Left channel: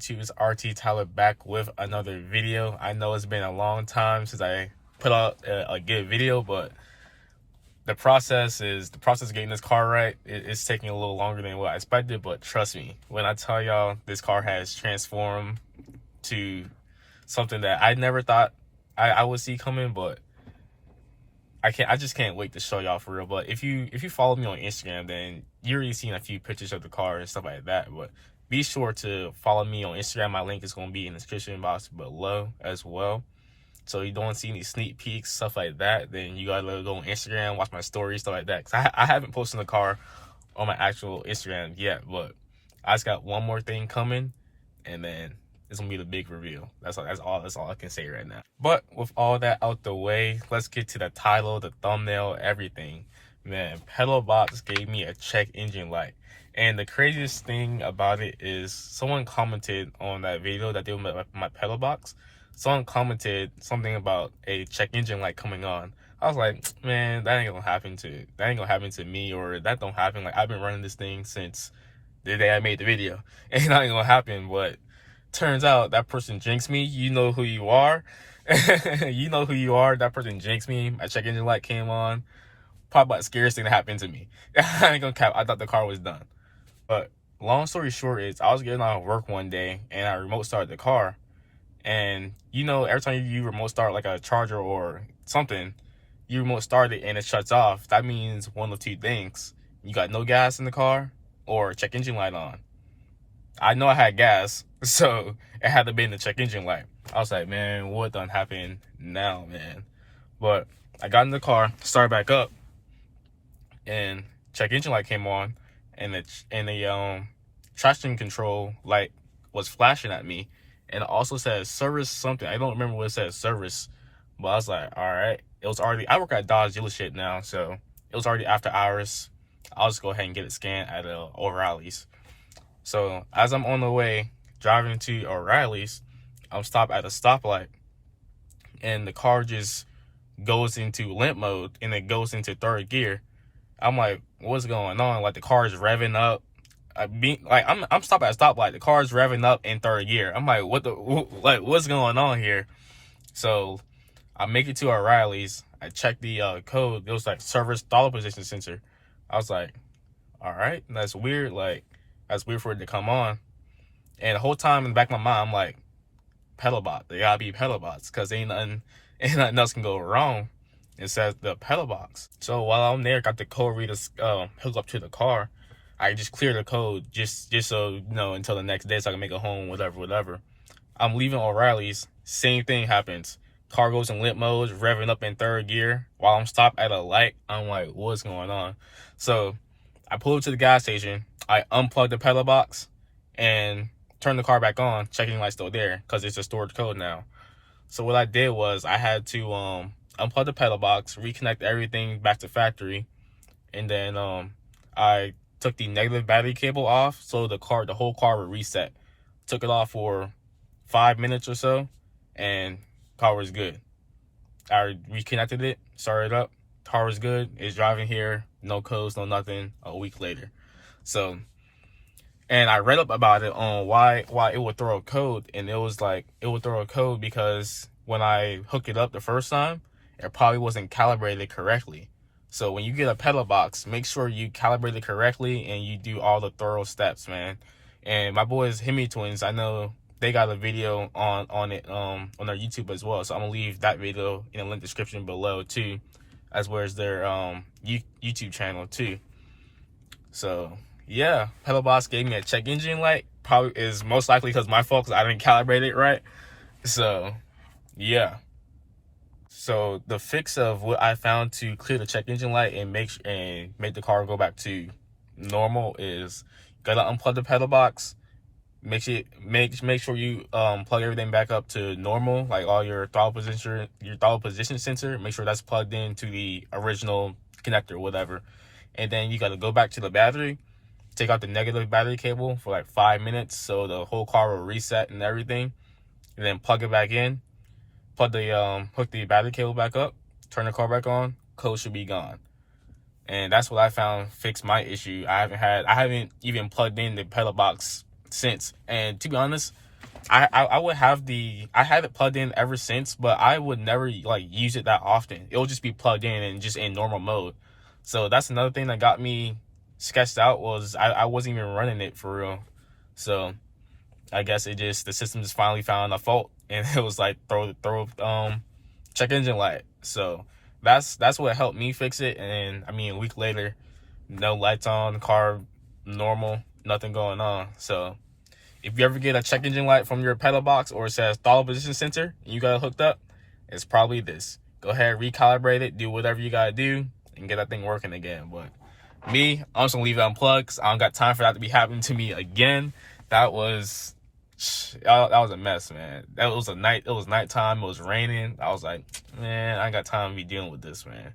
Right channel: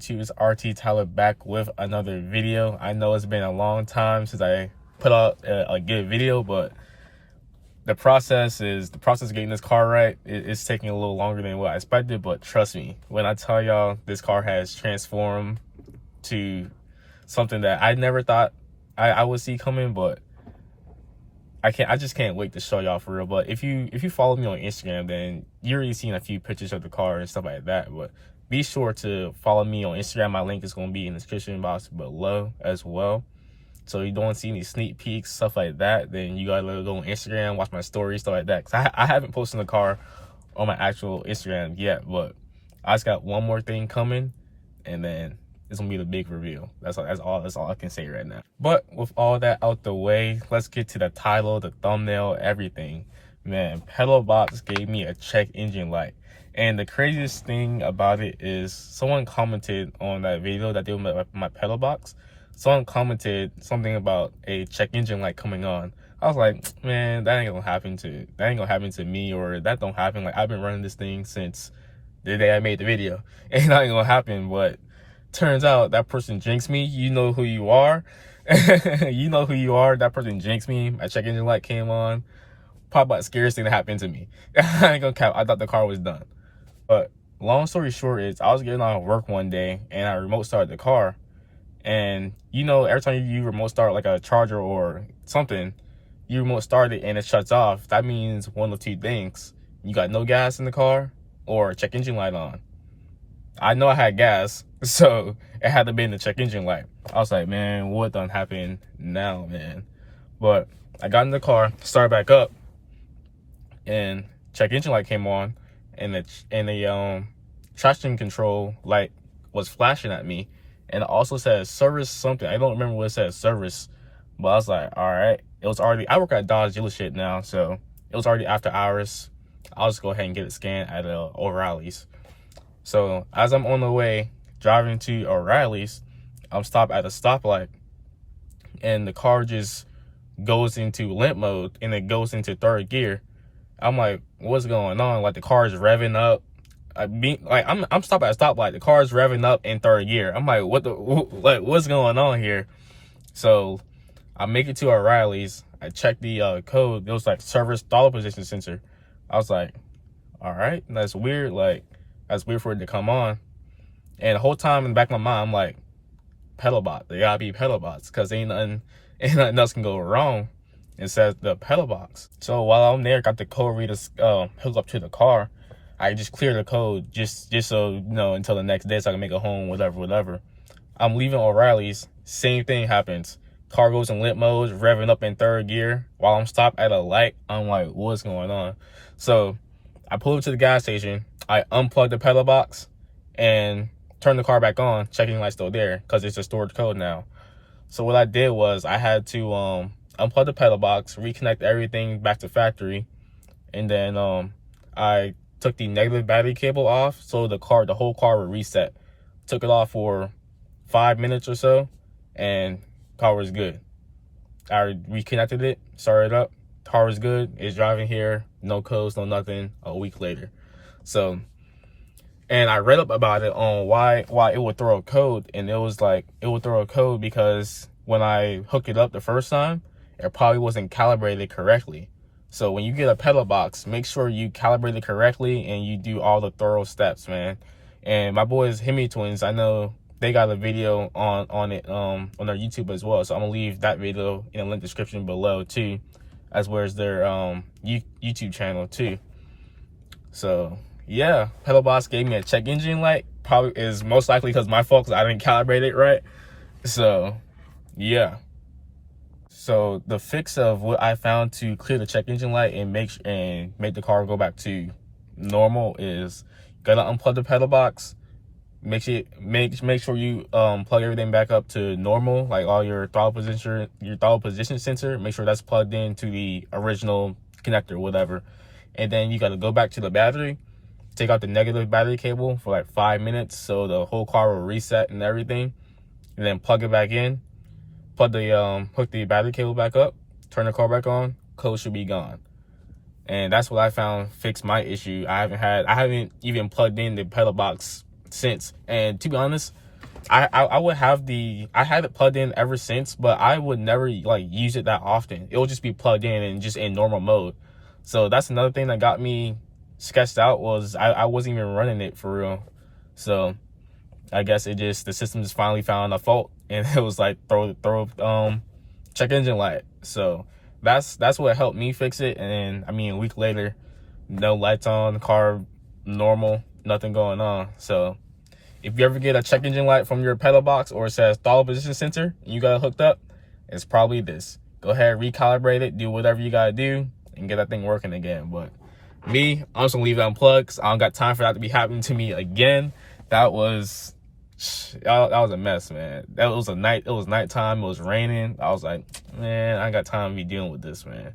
YouTube? It's RT Tyler back with another video. I know it's been a long time since I put out a good video, but the process of getting this car right. It's taking a little longer than what I expected, but trust me when I tell y'all this car has transformed to something that I never thought I would see coming, but I just can't wait to show y'all for real. But if you follow me on Instagram, then you're already seeing a few pictures of the car and stuff like that. But be sure to follow me on Instagram. My link is going to be in the description box below as well. So you don't see any sneak peeks, stuff like that, then you gotta go on Instagram, watch my stories, stuff like that. Cause I haven't posted the car on my actual Instagram yet, but I just got one more thing coming, and then it's gonna be the big reveal. That's all I can say right now. But with all that out the way, let's get to the title, the thumbnail, everything. Man, Pedal Box gave me a check engine light. And the craziest thing about it is someone commented on that video that they did my Pedal Box. Someone commented something about a check engine light coming on. I was like, man, that ain't gonna happen to me, or that don't happen. Like, I've been running this thing since the day I made the video. Ain't not gonna happen. But turns out that person jinxed me. You know who you are. You know who you are. That person jinxed me. My check engine light came on. Probably the scariest thing that happened to me. I ain't gonna cap. I thought the car was done. But long story short is I was getting out of work one day and I remote started the car. And you know, every time you remote start like a charger or something, you remote start it and it shuts off. That means one of two things: you got no gas in the car, or check engine light on. I know I had gas, so it had to be in the check engine light. I was like, man, what done happened now, man? But I got in the car, started back up, and check engine light came on, and the traction control light was flashing at me. And it also said service something. I don't remember what it said, service. But I was like, all right. It was already, I work at Dodge dealership now, so it was already after hours. I'll just go ahead and get it scanned at O'Reilly's. So as I'm on the way driving to O'Reilly's, I'm stopped at a stoplight. And the car just goes into limp mode and it goes into third gear. I'm like, what's going on? Like, the car is revving up. I'm stopped at a stoplight. The car is revving up in third gear. I'm like, what's going on here? So I make it to O'Reilly's. I check the code. It was like service throttle position sensor. I was like, all right, that's weird. Like, that's weird for it to come on. And the whole time in the back of my mind, I'm like, pedal box. They gotta be pedal box, because ain't nothing else can go wrong. It says the pedal box. So while I'm there, got the code reader hooked up to the car. I just clear the code just so, you know, until the next day so I can make it home, whatever. I'm leaving O'Reilly's. Same thing happens. Car goes in limp mode, revving up in third gear. While I'm stopped at a light, I'm like, what's going on? So I pull up to the gas station. I unplug the pedal box and turn the car back on. Checking light still there because it's a stored code now. So what I did was I had to unplug the pedal box, reconnect everything back to factory, and then I took the negative battery cable off so the whole car would reset. Took it off for 5 minutes or so, and car was good. I reconnected it, started up, car was good. It's driving here, no codes, no nothing, a week later. So, and I read up about it on why it would throw a code, and it was like, it would throw a code because when I hooked it up the first time, it probably wasn't calibrated correctly. So when you get a pedal box, make sure you calibrate it correctly and you do all the thorough steps, man. And my boys, Hemi Twins, I know they got a video on it on their YouTube as well. So I'm gonna leave that video in the link description below too, as well as their YouTube channel too. So yeah, pedal box gave me a check engine light. Probably is most likely because my fault, because I didn't calibrate it right. So yeah. So the fix of what I found to clear the check engine light and make the car go back to normal is, you gotta unplug the pedal box. Make sure you plug everything back up to normal, like all your throttle position sensor. Make sure that's plugged into the original connector, whatever. And then you gotta go back to the battery, take out the negative battery cable for like 5 minutes so the whole car will reset and everything, and then plug it back in. Plug the hook the battery cable back up, turn the car back on, code should be gone. And that's what I found fixed my issue. I haven't even plugged in the pedal box since. And to be honest, I would have I had it plugged in ever since, but I would never like use it that often. It would just be plugged in and just in normal mode. So that's another thing that got me sketched out, was I wasn't even running it for real. So I guess the system just finally found a fault, and it was like throw check engine light. So that's what helped me fix it. And then, I mean, a week later, no lights on, car normal, nothing going on. So if you ever get a check engine light from your pedal box, or it says throttle position sensor, and you got it hooked up, it's probably this. Go ahead, recalibrate it, do whatever you gotta do, and get that thing working again. But me, I'm just gonna leave it unplugged, 'cause I don't got time for that to be happening to me again. That was a mess, man. It was nighttime, it was raining. I was like, man, I ain't got time to be dealing with this, man.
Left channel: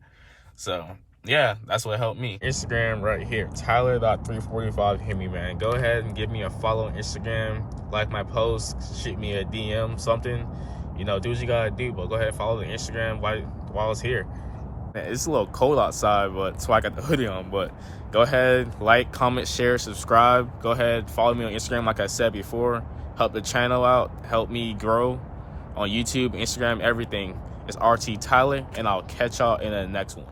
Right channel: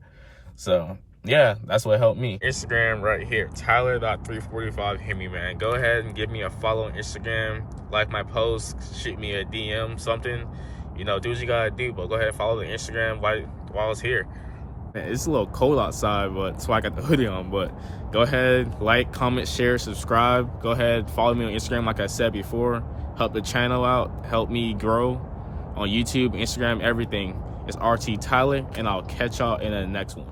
So yeah, that's what helped me. Instagram right here, Tyler.345. Hit me, man. Go ahead and give me a follow on Instagram, like my posts, shoot me a DM, something. You know, do what you gotta do, but go ahead and follow the Instagram while it's here. Man, it's a little cold outside, but that's why I got the hoodie on. But go ahead, like, comment, share, subscribe. Go ahead, follow me on Instagram, like I said before. Help the channel out, help me grow on YouTube, Instagram, everything. It's RT Tyler, and I'll catch y'all in the next one.